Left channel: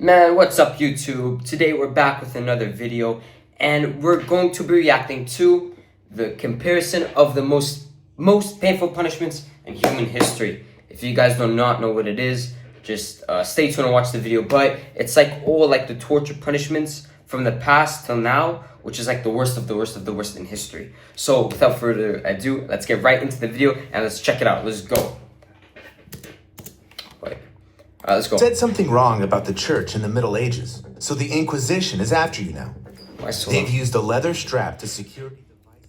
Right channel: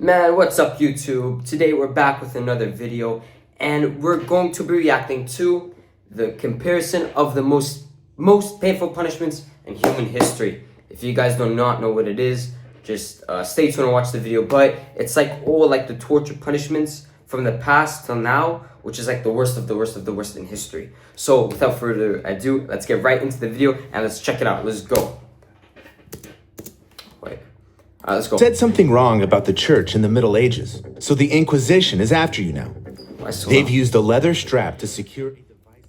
Man, what's up YouTube? Today we're back with another video and we're going to be reacting to the comparison of the most painful punishments in human history. If you guys do not know what it is, just stay tuned and watch the video. But it's like all like the torture punishments from the past till now, which is like the worst of the worst of the worst in history. So without further ado, let's get right into the video and let's check it out. Let's go. Let's go. Said something wrong about the church in the Middle Ages, so the Inquisition is after you now. They've used a leather strap to secure a device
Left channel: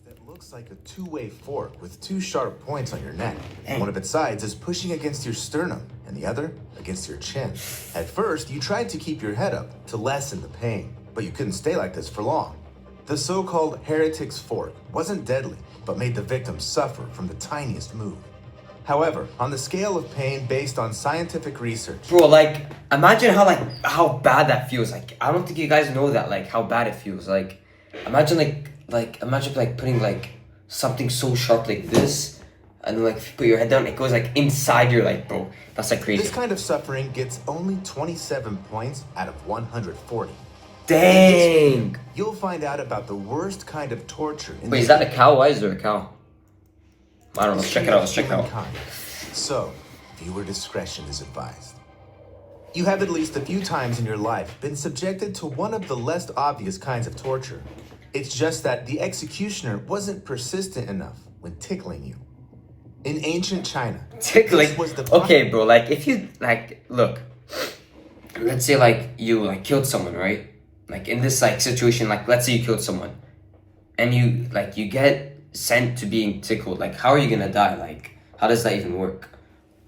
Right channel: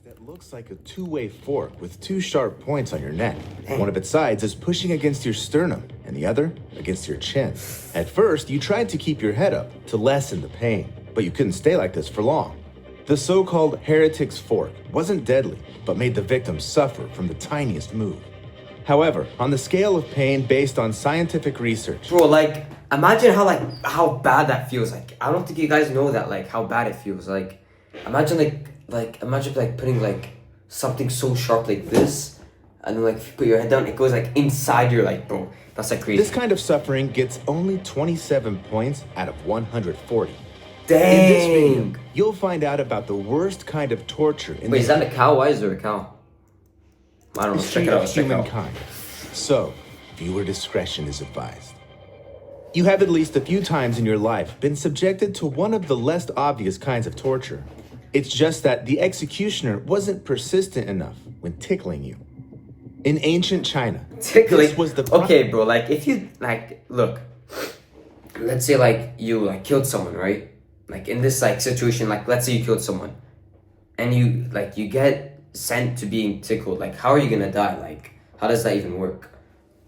that looks like a two-way fork with two sharp points on your neck. One of its sides is pushing against your sternum, and the other against your chin. At first, you tried to keep your head up to lessen the pain, but you couldn't stay like this for long. The so-called heretic's fork wasn't deadly, but made the victim suffer from the tiniest move. However, on the scale of pain based on scientific research... Bro, like, imagine how bad that feels. Like, I don't think you guys know that, like, how bad it feels. Like, imagine, imagine putting, like, something so sharp like this, and then, like, if you put your head down, it goes, like, inside your, like, bro. That's, like, crazy. This kind of suffering gets only 27 points out of 140. Dang! In this video, you'll find out about the worst kind of torture... Wait, is that a cow? Why is there a cow? I don't know. Let's check it out. Let's check it out. So, viewer discretion is advised. You have at least a few times in your life been subjected to one of the less obvious kinds of torture. It's just that the executioner wasn't persistent enough when tickling you. In ancient China, tickling was the okay, bro. Like, if you look, let's say you killed someone, right? Like in this situation, let's say you killed someone, and you get sent to being tickled. Like, how are you gonna die? Like, how does that even work?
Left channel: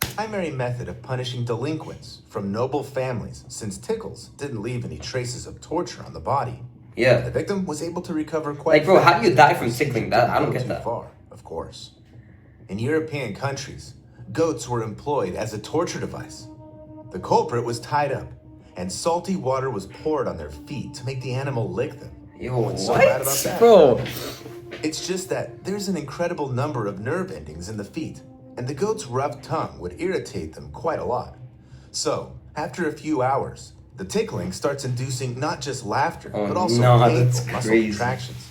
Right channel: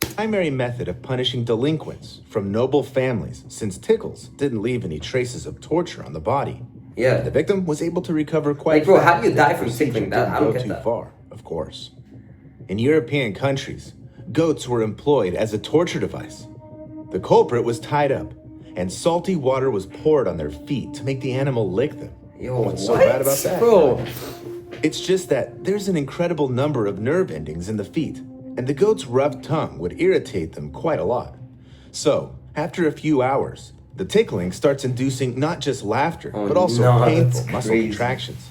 Primary method of punishing delinquents from noble families, since tickles didn't leave any traces of torture on the body. Yeah, the victim was able to recover quite. Like, bro, how do you die from tickling? That I don't get that. Too far, of course. In European countries, goats were employed as a torture device. The culprit was tied up, and salty water was poured on their feet to make the animal lick them. Yo, what's so bad about that, bro? It's just that there's an incredible number of nerve endings in the feet, and the goat's rough tongue would irritate them quite a lot. So, after a few hours, the tickling starts inducing not just laughter, but also painful muscle contractions.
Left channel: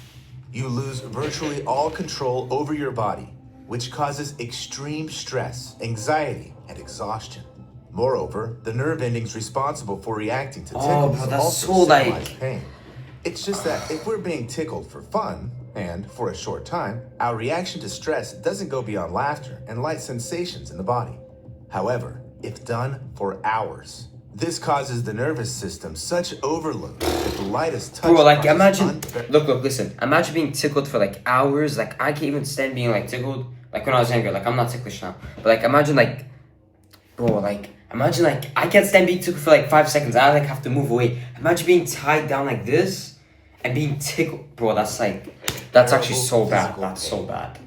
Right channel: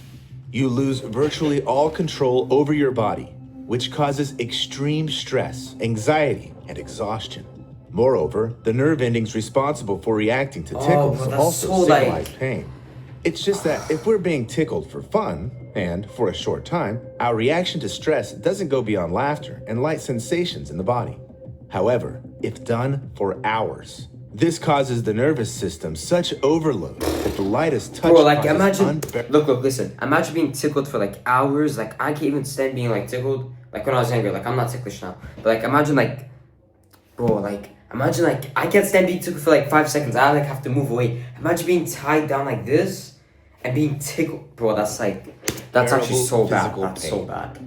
You lose virtually all control over your body, which causes extreme stress, anxiety, and exhaustion. Moreover, the nerve endings responsible for reacting to tickles also symbolize pain. It's just that if we're being tickled for fun, and for a short time, our reaction to stress doesn't go beyond laughter and light sensations in the body. However, if done for hours, this causes the nervous system such overload that the lightest touch... Bro, like, imagine... Look, listen. Imagine being tickled for, hours. Like, I can't even stand being, tickled. Like, when I was younger. Like, I'm not ticklish now. But, imagine, Bro, imagine, I can't stand being tickled for, 5 seconds. I, have to move away. Imagine being tied down like this and being tickled. Bro, that's, that's actually so bad. That's so bad.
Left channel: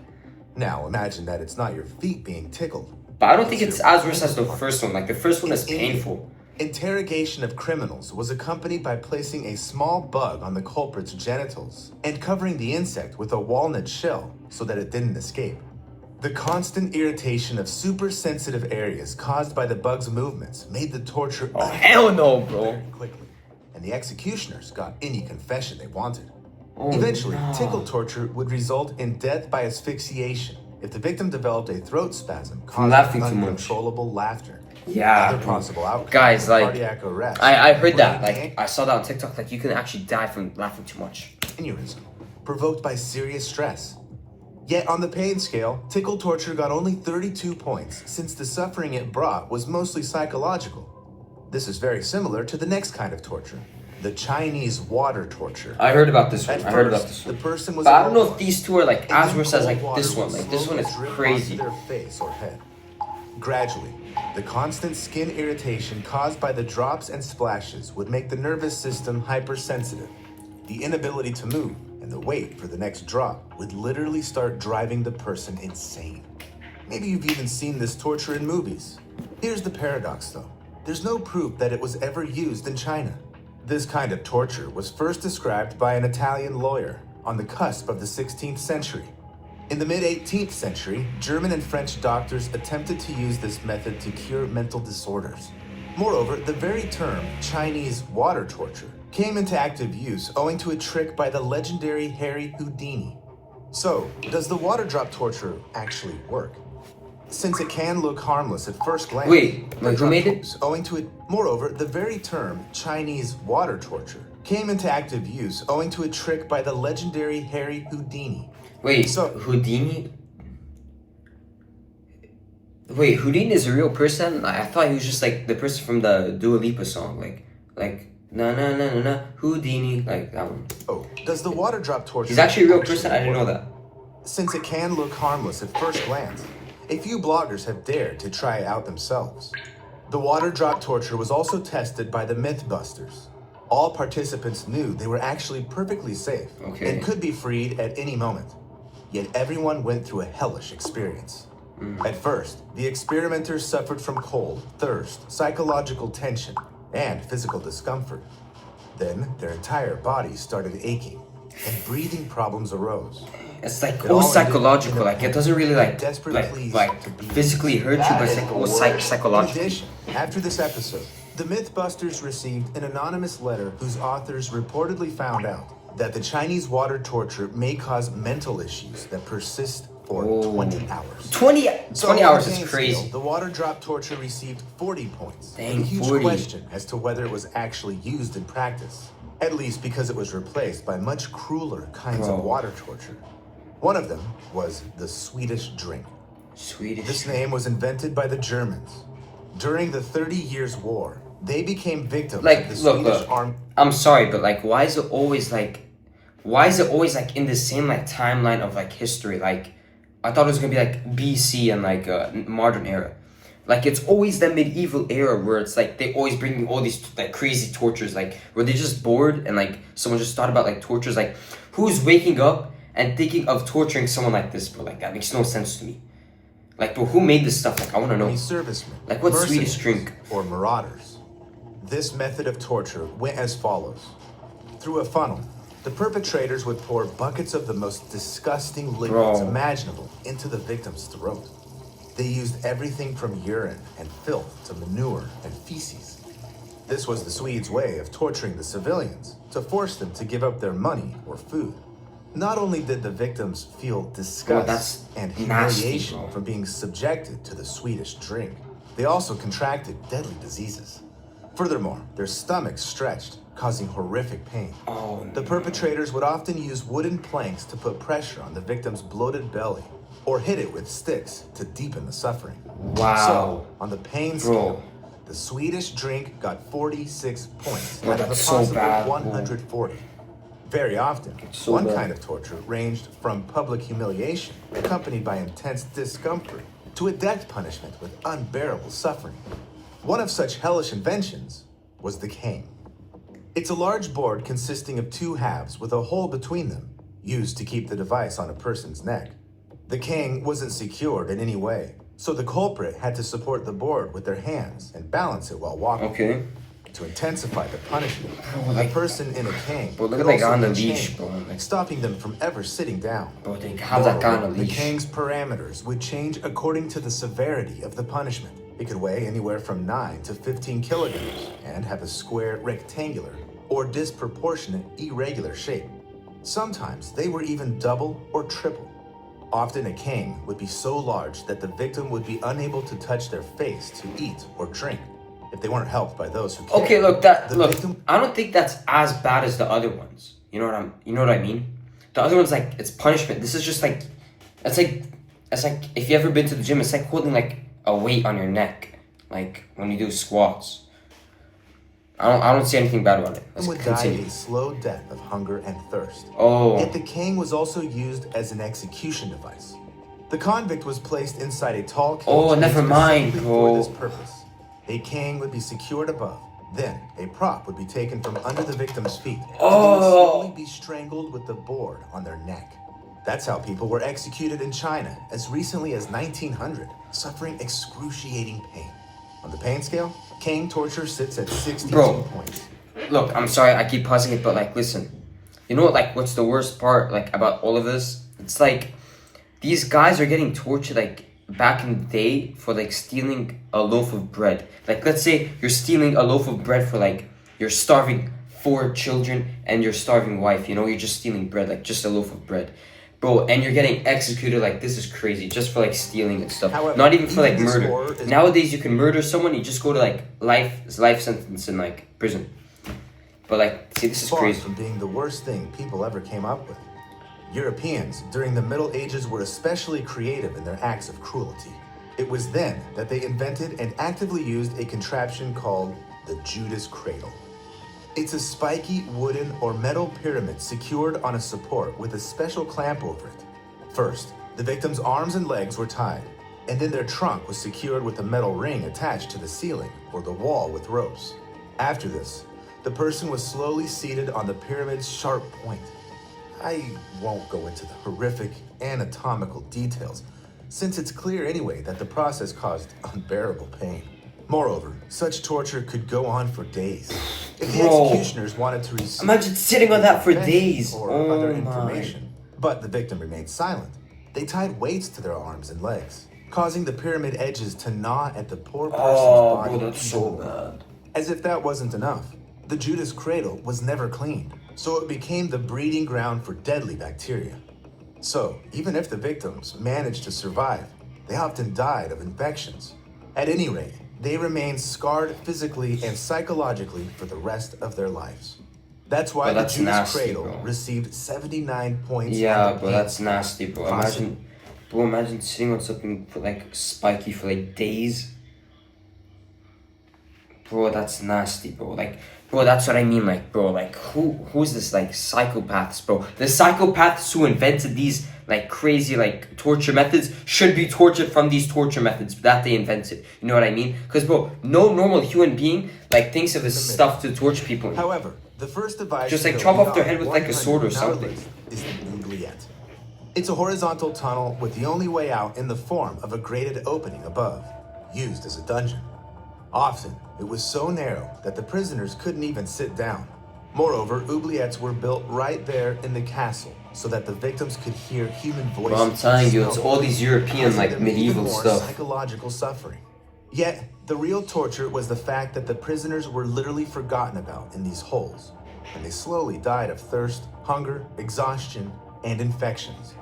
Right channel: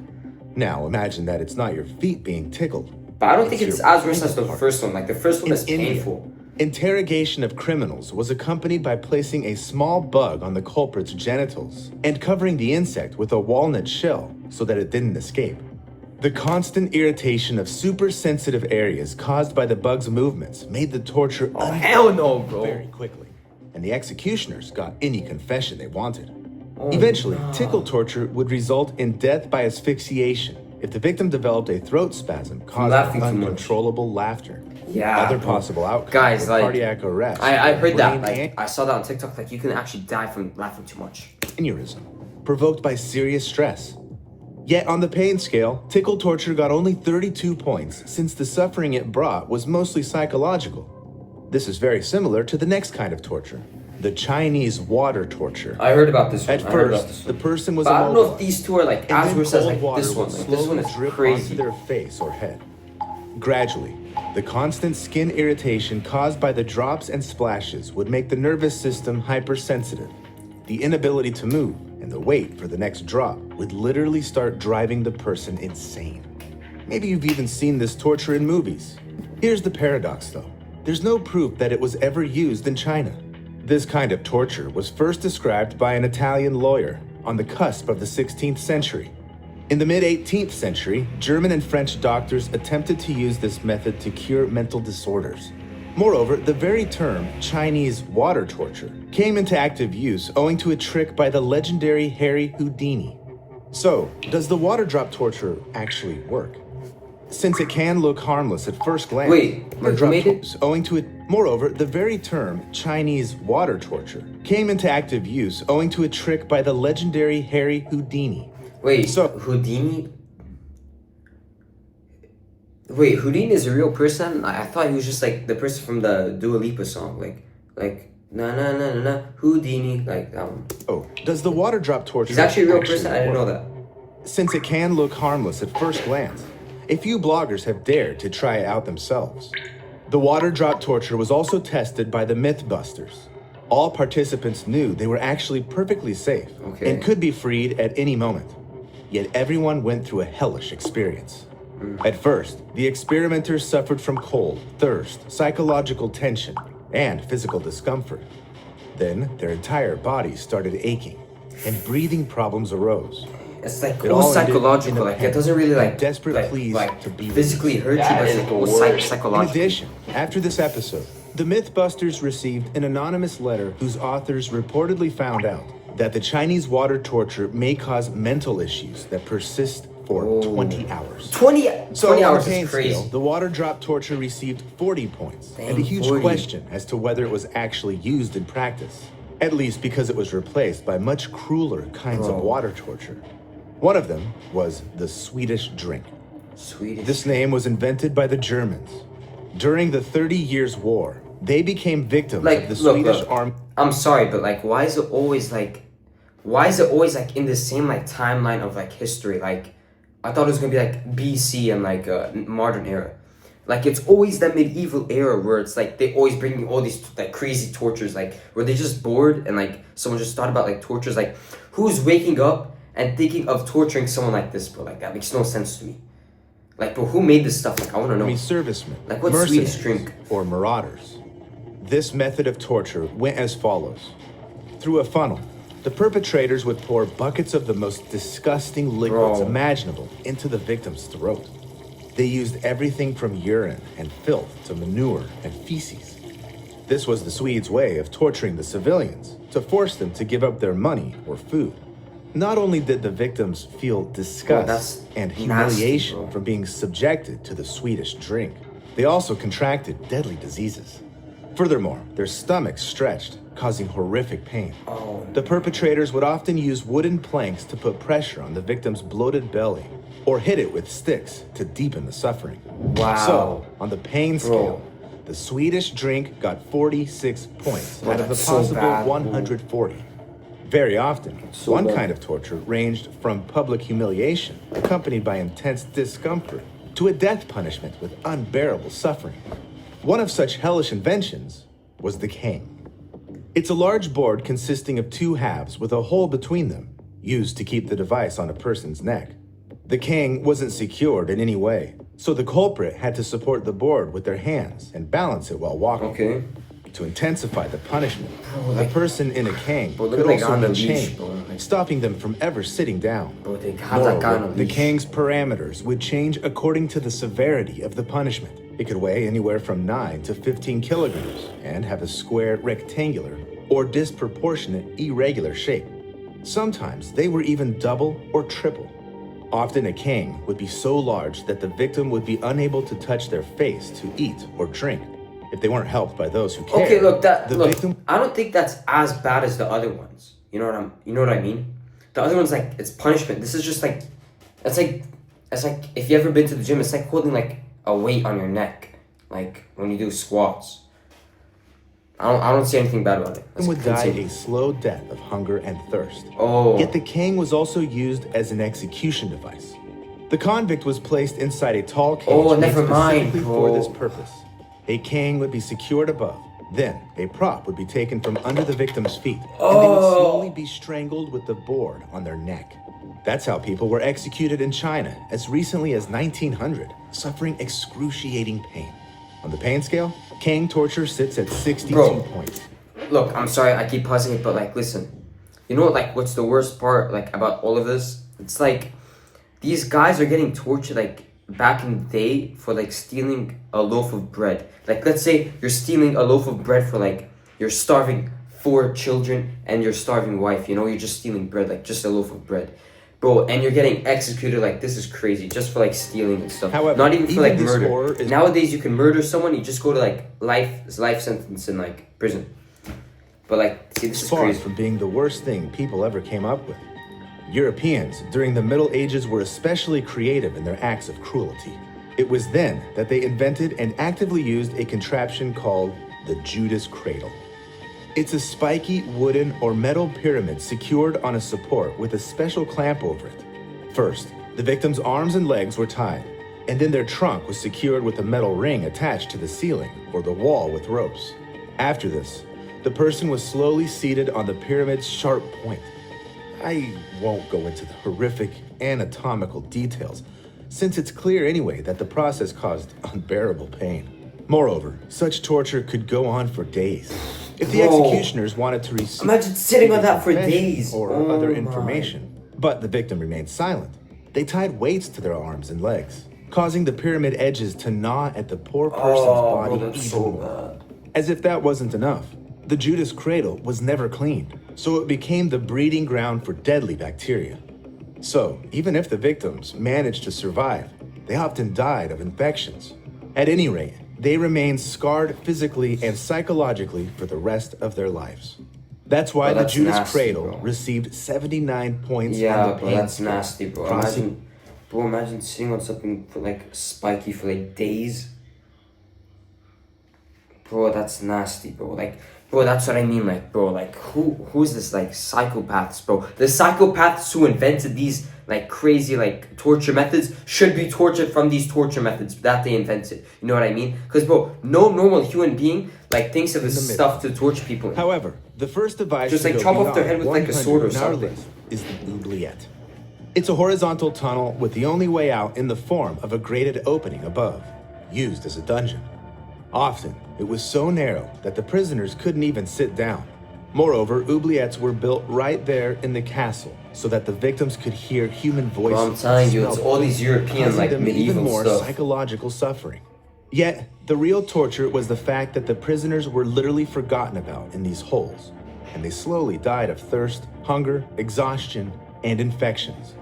Now, imagine that it's not your feet being tickled. But I don't think it's as worse as the first one. Like, the first one is painful. Interrogation of criminals was accompanied by placing a small bug on the culprit's genitals and covering the insect with a walnut shell so that it didn't escape. The constant irritation of super sensitive areas caused by the bug's movements made the torture hell no, bro. Very quickly, and the executioners got any confession they wanted. Eventually, tickle torture would result in death by asphyxiation if the victim developed a throat spasm causing uncontrollable laughter. Yeah, other possible outcomes, guys, cardiac arrest. I heard that. I saw that on TikTok. You can actually die from laughing too much. Aneurysm, provoked by serious stress. Yet on the pain scale, tickle torture got only 32 points since the suffering it brought was mostly psychological. This is very similar to the next kind of torture, the Chinese water torture. I heard about this one. The person was. But I don't know if these two are as worse as this one. This one is crazy. Their face or head. Gradually, the constant skin irritation caused by the drops and splashes would make the nervous system hypersensitive. The inability to move and the wait for the next drop would literally start driving the person insane. Maybe you've even seen this torture in movies. Here's the paradox though. There's no proof that it was ever used in China. This kind of torture was first described by an Italian lawyer on the cusp of the 16th century. In the mid-18th century, German and French doctors attempted to use this method to cure mental disorders. Moreover, the very term Chinese water torture came into active use owing to a trick by the legendary Harry Houdini. So, does the water drop torture actually work? Since it can look harmless at first glance, Wait, who made it? Owing to it. Moreover, the very term Chinese water torture came into active use owing to a trick by the legendary Harry Houdini. Wait, so Houdini? Wait, Houdini is a real person? I thought he was just like the person from the Dua Lipa song, like na na na na na Houdini, like that one. Oh, does the water drop torture? He's actually a real person. I didn't know that. Since it can look harmless at first glance, a few bloggers have dared to try it out themselves. The water drop torture was also tested by the Mythbusters. All participants knew they were actually perfectly safe and could be freed at any moment. Yet everyone went through a hellish experience. At first, the experimenters suffered from cold, thirst, psychological tension, and physical discomfort. Then their entire bodies started aching, and breathing problems arose. It's like all psychological, like it doesn't really like physically hurt you, but it's like all psychological. In addition, after this episode, the Mythbusters received an anonymous letter whose authors reportedly found out that the Chinese water torture may cause mental issues that persist for 20 hours. 20 hours is Scale, crazy. the water drop torture received 40 points, Dang, and a huge 40. question as to whether it was actually used in practice, at least because it was replaced by much crueler kinds of water torture. One of them was the Swedish drink. This name was invented by the Germans. During the 30 Years' War, they became victims of the Swedish army. I'm sorry, but like, why is it always like in the same like timeline of like history? Like, I thought it was gonna be like BC and like modern era. Like, it's always that medieval era where it's like they always bring you all these like crazy tortures, like where they're just bored and like someone just thought about like tortures. Like, who's waking up and thinking of torturing someone like this, bro? Like, that makes no sense to me. Like, bro, who made this stuff? Like, I want to know. Servicemen, like, what Swedish drink? Or marauders. This method of torture went as follows. Through a funnel, the perpetrators would pour buckets of the most disgusting liquids imaginable into the victim's throat. They used everything from urine and filth to manure and feces. This was the Swedes' way of torturing the civilians, to force them to give up their money or food. Not only did the victims feel disgust and humiliation from being subjected to the Swedish drink, they also contracted deadly diseases. Furthermore, their stomachs stretched, causing horrific pain. The perpetrators would often use wooden planks to put pressure on the victim's bloated belly, or hit it with sticks to deepen the suffering. So, on the pain scale, the Swedish drink got 46 points out of a possible 140. Very often, one kind of torture ranged from public humiliation, accompanied by intense discomfort, to a death punishment with unbearable suffering. One of such hellish inventions was the Kang. It's a large board consisting of two halves with a hole between them, used to keep the device on a person's neck. The Kang wasn't secured in any way, so the culprit had to support the board with their hands and balance it while walking. To intensify the punishment, the person in a Kang look at on the leash, stopping them from ever sitting down. They have that guy on the leash. The Kang's parameters would change according to the severity of the punishment. It could weigh anywhere from 9 to 15 kilograms and have a square, rectangular, or disproportionate, irregular shape. Sometimes they were even double or triple. Often a Kang would be so large that the victim would be unable to touch their face to eat or drink, if they weren't helped by those who cared. Okay, I don't think that's as bad as the other ones. You know what I mean? The other one's like, it's punishment. This is just like, it's like if you ever been to the gym, it's like holding like a weight on your neck, like when you do squats. I don't see anything bad about it. Let's would continue. Die a slow death of hunger and thirst. Yet the Kang was also used as an execution device. The convict was placed inside a tall cage never mind, for this purpose. A Kang would be secured above. Then, a prop would be taken from under the victim's feet, and they would slowly be strangled with the board on their neck. That's how people were executed in China as recently as 1900, suffering excruciating pain. On the pain scale, Kang torture sits at 62 points. Look, I'm sorry, I keep pausing it, but like, listen. You know what, like, what's the worst part, like, about all of this? It's like, these guys are getting tortured, like, back in the day for like stealing a loaf of bread. Like let's say you're stealing a loaf of bread for like you're starving 4 children and your starving wife, you know, you're just stealing bread, like just a loaf of bread. Bro, and you're getting executed, like this is crazy, just for like stealing and stuff. However, not even for like even this murder. horror is- Nowadays you can murder someone, you just go to like life sentence in like prison. But like, see, this is far crazy. from being the worst thing people ever came up with. Europeans during the Middle Ages were especially creative in their acts of cruelty. It was then that they invented and actively used a contraption called the Judas cradle. It's a spiky wooden or metal pyramid secured on a support with a special clamp over it. First, the victim's arms and legs were tied, and then their trunk was secured with a metal ring attached to the ceiling or the wall with ropes. After this, the person was slowly seated on the pyramid's sharp point. I won't go into the horrific anatomical details, since it's clear anyway that the process caused unbearable pain. Moreover, such torture could go on for days. If the Bro. executioners wanted to receive Imagine sitting on that for confession days. or Oh other my. information, but the victim remained silent, they tied weights to their arms and legs, causing the pyramid edges to gnaw at the poor person's Oh, body. bro, that's even so more. bad. As if that wasn't enough, the Judas cradle was never cleaned, so it became the breeding ground for deadly bacteria. So, even if the victims managed to survive, they often died of infections. At any rate, they remained scarred physically and psychologically for the rest of their lives. That's why Bro, the that's Judas nasty, cradle bro. received 79 points. Yeah, on the bro, pain that's scale. nasty, bro. Imagine sitting on something for like spiky for like days. Bro, that's nasty, bro. Like, bro, that's what I mean. Like, bro, like, who's this like psychopaths, bro? The psychopaths who invented these like crazy like torture methods should be tortured from these torture methods that they invented. You know what I mean? Because, bro, no normal human being like thinks of this stuff to torture people. However, the first device Just, to like, go chop off their beyond head with, like, a sword or 100 something. nowadays is the Oubliettes. It's a horizontal tunnel with the only way out in the form of a grated opening above, used as a dungeon. Often, it was so narrow that the prisoners couldn't even sit down. Moreover, oubliettes were built right there in the castle so that the victims could hear human voices. Bro, I'm telling you, and it's smell all them, these European causing like them medieval even more stuff. psychological suffering. Yet, the real torture was the fact that the prisoners were literally forgotten about in these holes, and they slowly died of thirst, hunger, exhaustion, and infections.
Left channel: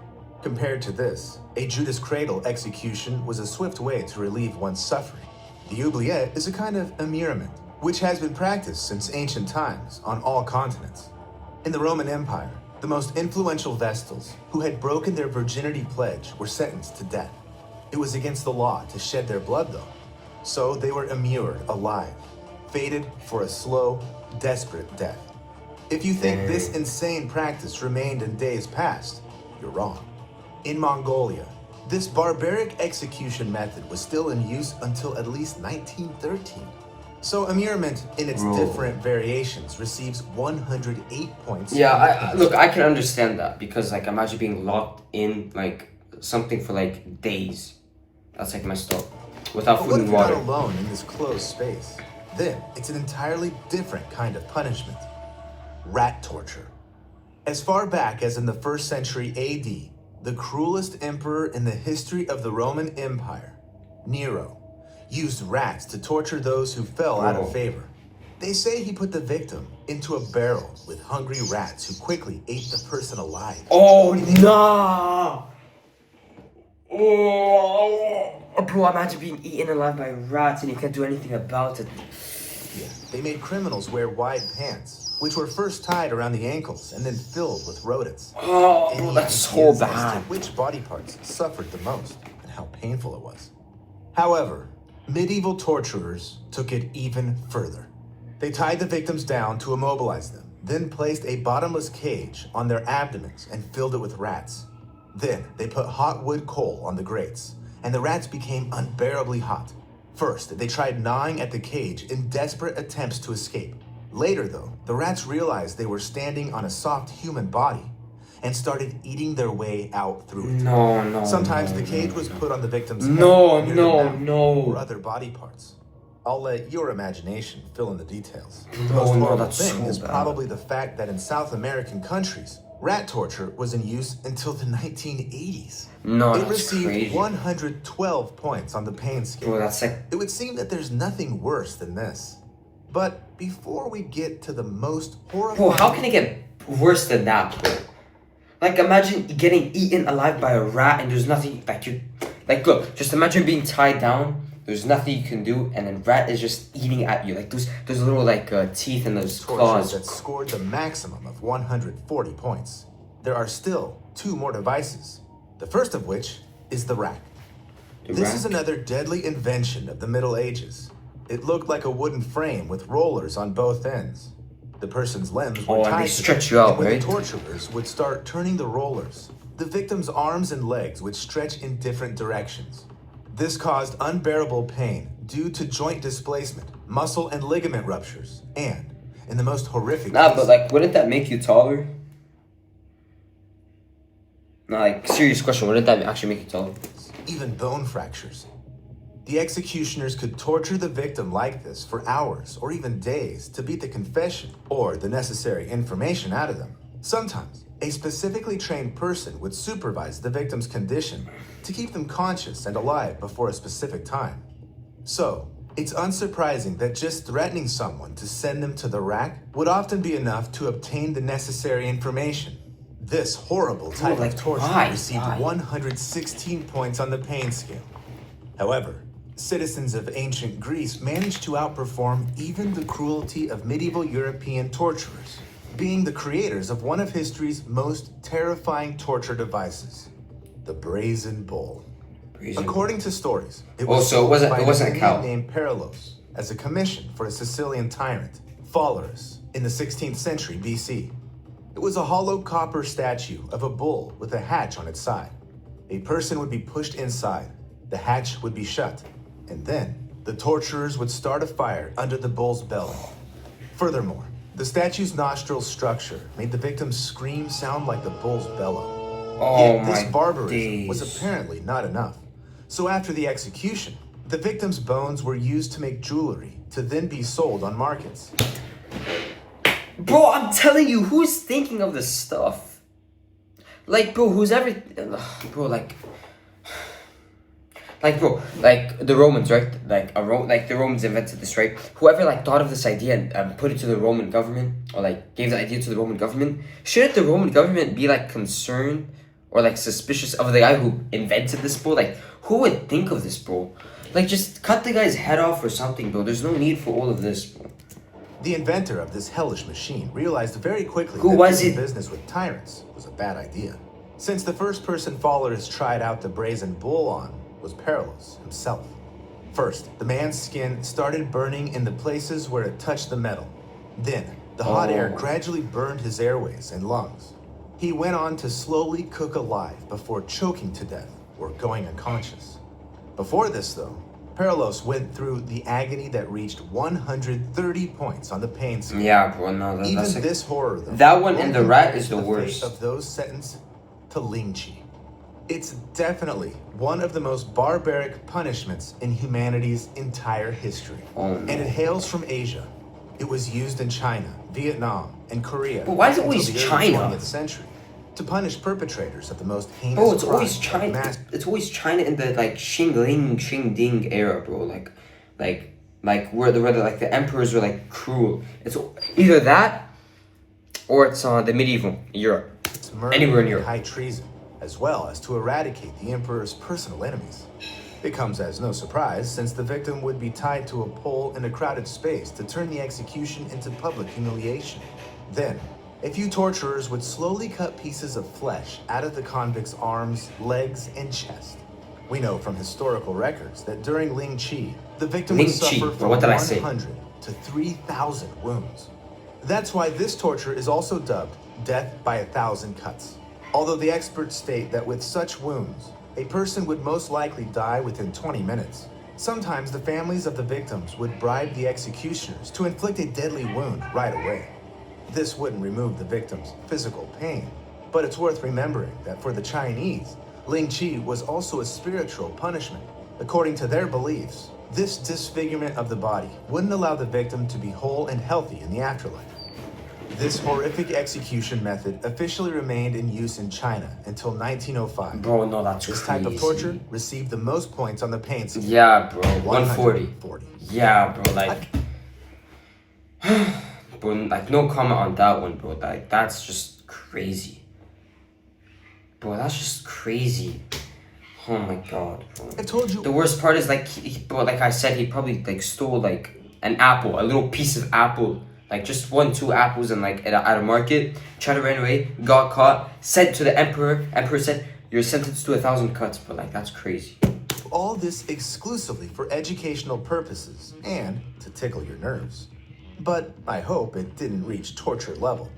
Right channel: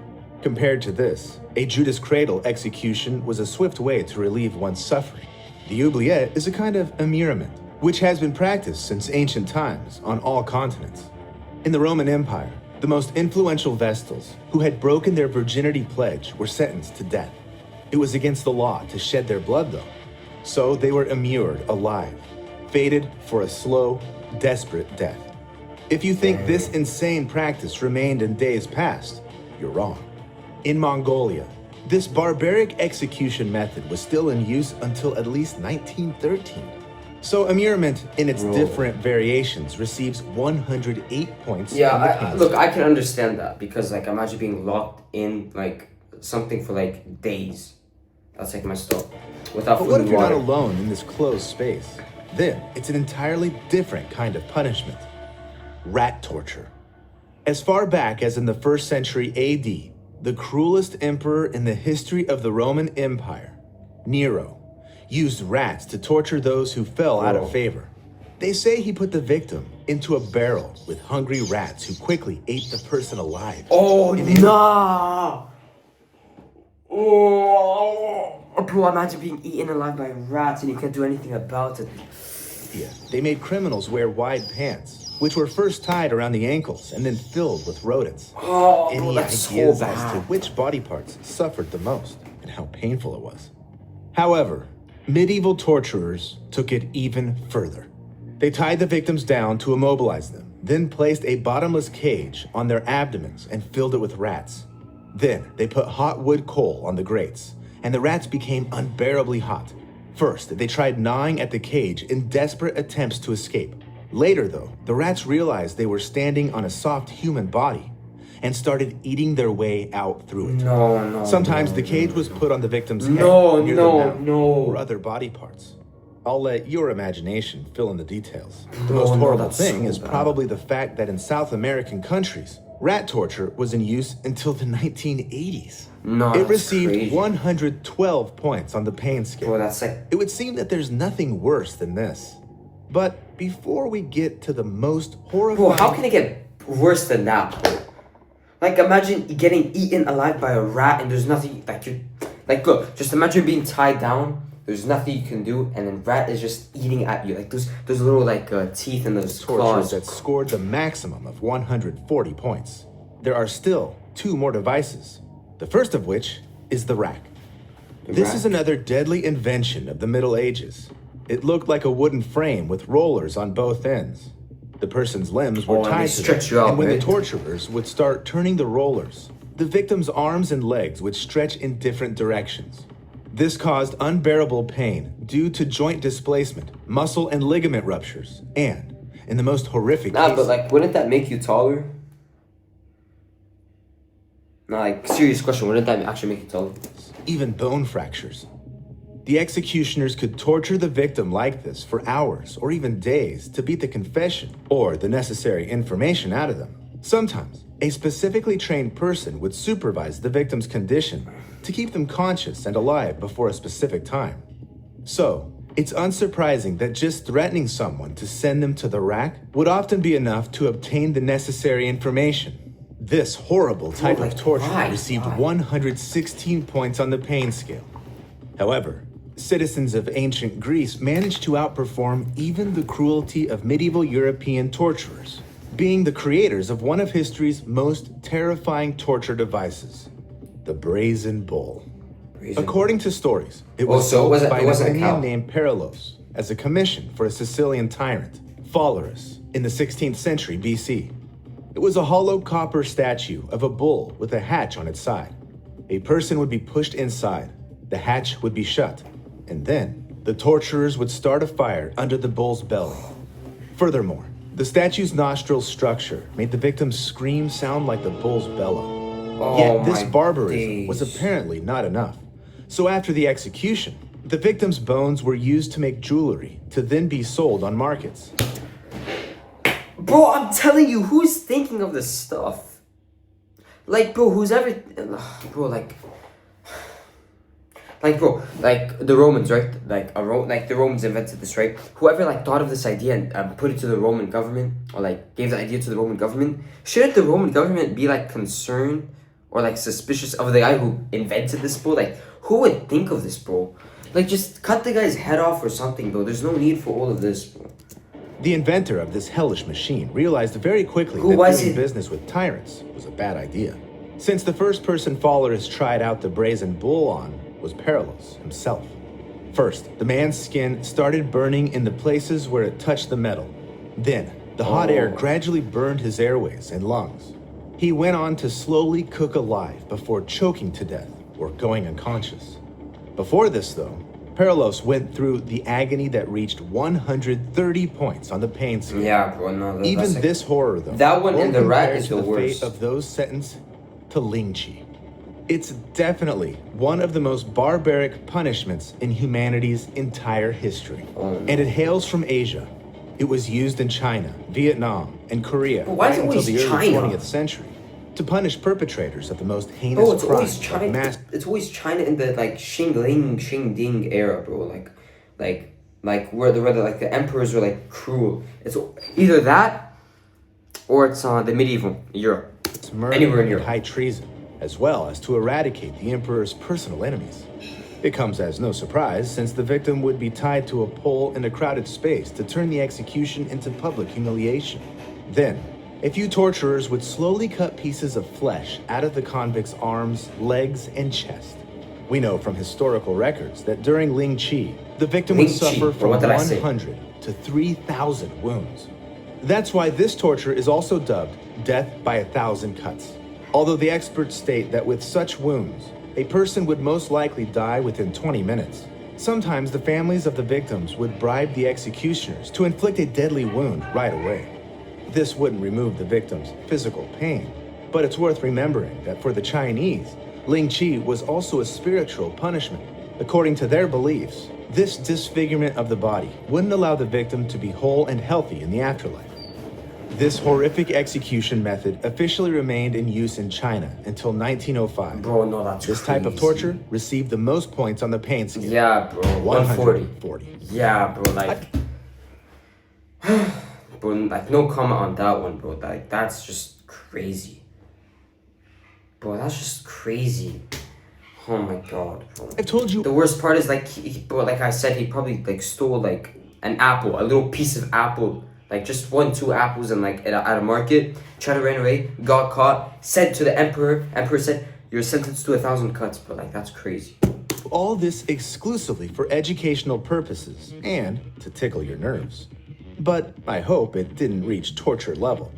Compared to this, a Judas cradle execution was a swift way to relieve one's suffering. The oubliette is a kind of immurement, which has been practiced since ancient times on all continents. In the Roman Empire, the most influential Vestals, who had broken their virginity pledge, were sentenced to death. It was against the law to shed their blood, though, so they were immured alive, fated for a slow, desperate death. If you think this insane practice remained in days past, you're wrong. In Mongolia, this barbaric execution method was still in use until at least 1913. So immurement in its different variations receives 108 points. Yeah, on the I pain look, scale. I can understand that because like imagine being locked in like something for like days. That's like messed up. Without But food what if and you're not water. alone in this closed space? Then it's an entirely different kind of punishment. Rat torture. As far back as in the 1st century AD, the cruelest emperor in the history of the Roman Empire, Nero, used rats to torture those who fell out of favor. They say he put the victim into a barrel with hungry rats who quickly ate the person alive. Oh nah! Oh, bro, imagine being eaten alive by rats and you can't do anything about it. Yeah, they made criminals wear wide pants, which were first tied around the ankles and then filled with rodents. Oh, Any bro, that's so ideas as to bad. which body parts suffered the most and how painful it was? However, medieval torturers took it even further. They tied the victims down to immobilize them, then placed a bottomless cage on their abdomens and filled it with rats. Then they put hot wood coal on the grates, and the rats became unbearably hot. First, they tried gnawing at the cage in desperate attempts to escape. Later, though, the rats realized they were standing on a soft human body and started eating their way out through it. No. Sometimes the cage was put on the victim's head, No, near no, the mouth, no. or other body parts. I'll let your imagination fill in the details. The No, most no, horrible that's thing so is bad. probably the fact that in South American countries, Rat torture was in use until the 1980s. No, It that's received crazy. 112 points on the pain scale. Bro, that's like... It would seem that there's nothing worse than this. But before we get to the most horrifying... Bro, how can it get worse than that, bro? Like, imagine getting eaten alive by a rat and there's nothing... Like, you... Like, look, just imagine being tied down. There's nothing you can do, and then rat is just eating at you. Like, those little, like, teeth and those claws. That scored the maximum of 140 points. There are still 2 more devices. The first of which is the rack. This is another deadly invention of the Middle Ages. It looked like a wooden frame with rollers on both ends. The person's limbs were tied and they to stretch them, you out, and when right? the torturers would start turning the rollers, the victim's arms and legs would stretch in different directions. This caused unbearable pain due to joint displacement, muscle and ligament ruptures, and, in the most horrific Nah, but like, wouldn't that make you taller? Nah, like, serious question, wouldn't that actually make you taller? even bone fractures. The executioners could torture the victim like this for hours or even days to beat the confession or the necessary information out of them. Sometimes, a specifically trained person would supervise the victim's condition to keep them conscious and alive before a specific time. So, it's unsurprising that just threatening someone to send them to the rack would often be enough to obtain the necessary information. This horrible type of torture received 116 points on the pain scale. However, citizens of ancient Greece managed to outperform even the cruelty of medieval European torturers, being the creators of one of history's most terrifying torture devices, the brazen bull. According to stories, it was sold by an Indian named Perilos as a commission for a Sicilian tyrant, Phalaris, in the 16th century BC. It was a hollow copper statue of a bull with a hatch on its side. A person would be pushed inside, the hatch would be shut, and then the torturers would start a fire under the bull's belly. Furthermore, the statue's nostril structure made the victim's scream sound like the bull's bellow. Yet this barbarism was apparently not enough. So after the execution, the victim's bones were used to make jewelry to then be sold on markets. Bro, I'm telling you, who's thinking of this stuff? Like, bro, who's ever... Bro, like, the Romans, right? Like the Romans invented this, right? Whoever, like, thought of this idea and put it to the Roman government, or, like, gave the idea to the Roman government, shouldn't the Roman government be, like, concerned or, like, suspicious of the guy who invented this, bro? Like, who would think of this, bro? Like, just cut the guy's head off or something, bro. There's no need for all of this, bro. The inventor of this hellish machine realized very quickly that doing business with tyrants was a bad idea. Since the first person Phalaris tried out the brazen bull on was Perilos himself. First, the man's skin started burning in the places where it touched the metal. Then, the hot air gradually burned his airways and lungs. He went on to slowly cook alive before choking to death or going unconscious. Before this, though, Perilos went through the agony that reached 130 points on the pain scale. Yeah, bro, no, that's even this horror, though. That one in the rat is the worst. Fate of those sentenced to Lingchi. It's definitely one of the most barbaric punishments in humanity's entire history. And it hails from Asia. It was used in China, Vietnam, and Korea. But why is it always China? 20th century to punish perpetrators of the most heinous. Bro, it's always China. It's always China in the like Xing era, bro. Like where the emperors were like cruel. It's either that or it's the medieval Europe. Anywhere in Europe. High treason, as well as to eradicate the emperor's personal enemies. It comes as no surprise, since the victim would be tied to a pole in a crowded space to turn the execution into public humiliation. Then, a few torturers would slowly cut pieces of flesh out of the convict's arms, legs, and chest. We know from historical records that during Lingchi, the victim would suffer from 100 to 3,000 wounds. That's why this torture is also dubbed death by 1,000 cuts. Although the experts state that with such wounds, a person would most likely die within 20 minutes. Sometimes the families of the victims would bribe the executioners to inflict a deadly wound right away. This wouldn't remove the victim's physical pain, but it's worth remembering that for the Chinese, Lingchi was also a spiritual punishment. According to their beliefs, this disfigurement of the body wouldn't allow the victim to be whole and healthy in the afterlife. This horrific execution method officially remained in use in China until 1905. Bro, no, that's This crazy. type of torture received the most points on the pain scale. Yeah, bro, 140. 140. Yeah, bro, like... bro, like, no comment on that one, bro. Like, that's just crazy. Bro, that's just crazy. Oh my god, bro. I told you. The worst part is, like, bro, like I said, he probably, like, stole, like, an apple, a little piece of apple. Like, just 1-2 apples and, like, at a market. Tried to run away, got caught, said to the emperor. Emperor said, you're sentenced to 1,000 cuts, but, like, that's crazy. All this exclusively for educational purposes and to tickle your nerves. But I hope it didn't reach torture level.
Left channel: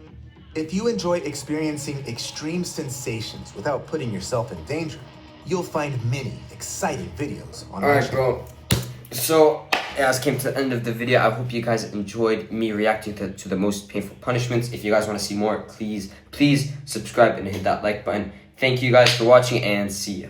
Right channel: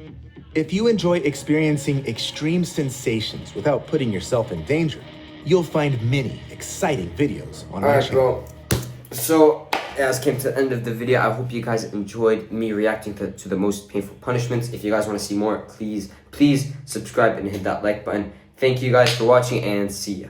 If you enjoy experiencing extreme sensations without putting yourself in danger, you'll find many exciting videos on our Alright, channel. bro. So, as came to the end of the video, I hope you guys enjoyed me reacting to the most painful punishments. If you guys want to see more, please subscribe and hit that like button. Thank you guys for watching, and see ya.